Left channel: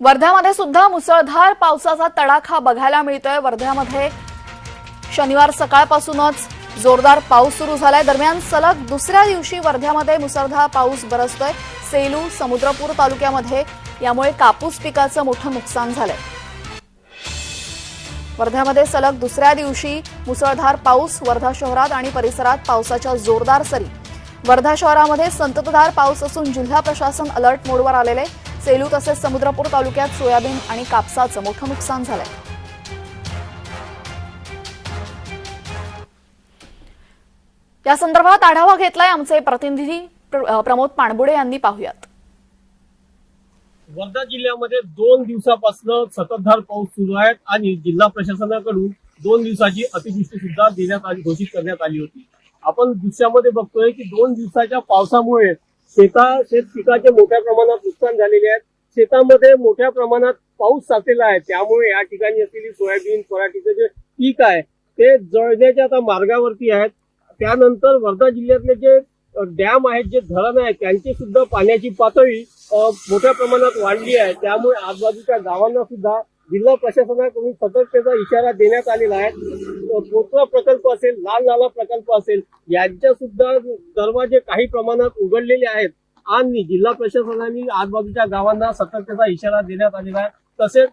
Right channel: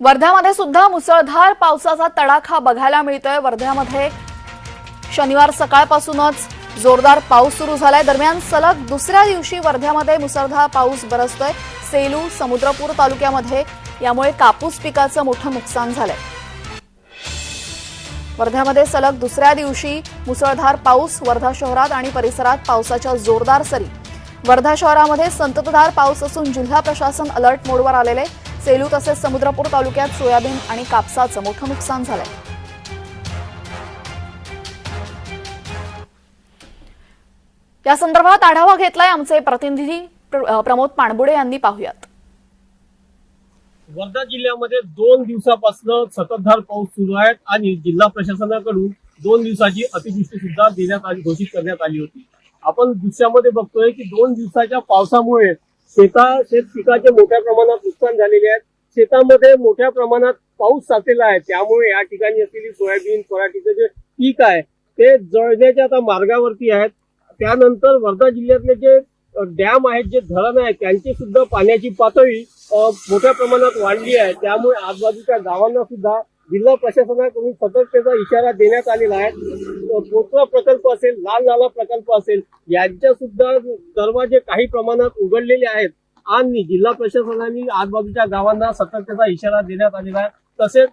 वर्ध्यामध्ये सुद्धा मुसळधार पावसाचा तडाखा बघायला मिळतोय. वर्ध्यामध्ये शनिवार सकाळपासूनच जोरदार पाऊस सुरू झालाय. दरम्यान सलग दुसऱ्या दिवशी वर्ध्यामध्ये मुसळधार पाऊस बरसतोय. सेलू समुद्रपूर तालुक्यामध्ये यामुळे कापूस पिकाचं मोठं नुकसान झालंय. वर्ध्यामध्ये सलग दुसऱ्या दिवशी मुसळधार पाऊस वर्धा शहरात आणि परिसरात पावसाच्या जोरदार सरी. वर्धा शहरामध्ये संततधार पाऊस असून जिल्हा प्रशासन अलर्ट मोडवर आलेले सेलू तसेच समुद्रपूर तालुक्यात सोयाबीन आणि कापसाचं मोठं नुकसान झालंय. या संदर्भात आढावा घेतलाय आमचे प्रतिनिधी प्रमोद पाणबुडे यांनी पाहुयात. वर्धा जिल्ह्यामध्ये दोन दिवसापासून सततधार पाऊस सुरू आहे आणि जिल्हा प्रशासनाकडून दोन दिवसाची अतिवृष्टी सुद्धा देण्यात आली घोषित करण्यात आली होती. आपण दृश्यामध्ये बघतोय की दोन दिवसाच्या पावसामुळे शेता शेत पिकाचे मोठ्या प्रमाणात नुकसान झालेले आहेत. शेतामध्ये मोठ्या प्रमाणात पाऊस साचलेला आहे. त्यामुळे या ठिकाणी असलेली सोयाबीन पराठीचं जे पीक आहे ते जळण्याच्या आता मार्गावरती आहेत. त्यानंतर वर्धा जिल्ह्यातले जे डॅम आहेत जे धरण आहेत त्यांची सुद्धा पाण्याची पातळी मोठ्या प्रमाणात वाढली आहे. त्यामुळे आजूबाजूच्या गावांना सुद्धा जिल्हा प्रशासनाकडून सतर्कतेचा इशारा देण्यात आलेला आहे. अ, प्रकल्प असेल लाल नाला प्रकल्प असेल यांच्या सुद्धा दरवाजे काही प्रमाणात उघडलेले आहेत. आणि जिल्हा प्रशासनाने आजूबाजूच्या गावांना सतर्कतेचा इशारा देण्यात आलेला आहे. तसेच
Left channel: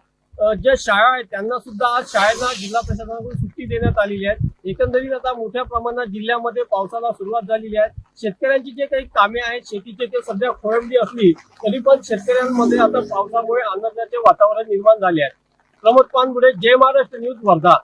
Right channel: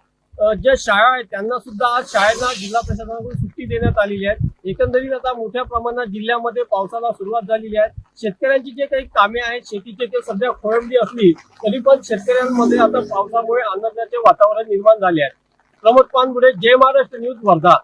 ज्या शाळा आहेत त्यांना सुद्धा आज शाळेला जिल्हा प्रशासनाकडून सुट्टी देण्यात आलेली आहे. एकंदरीत आता मोठ्या प्रमाणात जिल्ह्यामध्ये पावसाला सुरुवात झालेली आहे. शेतकऱ्यांची जे काही कामे आहेत शेतीचे ते सध्या खोळंबली असली तरी पण शेतकऱ्यांमध्ये आता पावसामुळे आनंदाचे वातावरण निर्माण झाले आहे. प्रमोद पानबुडे जय महाराष्ट्र न्यूज वर्धा.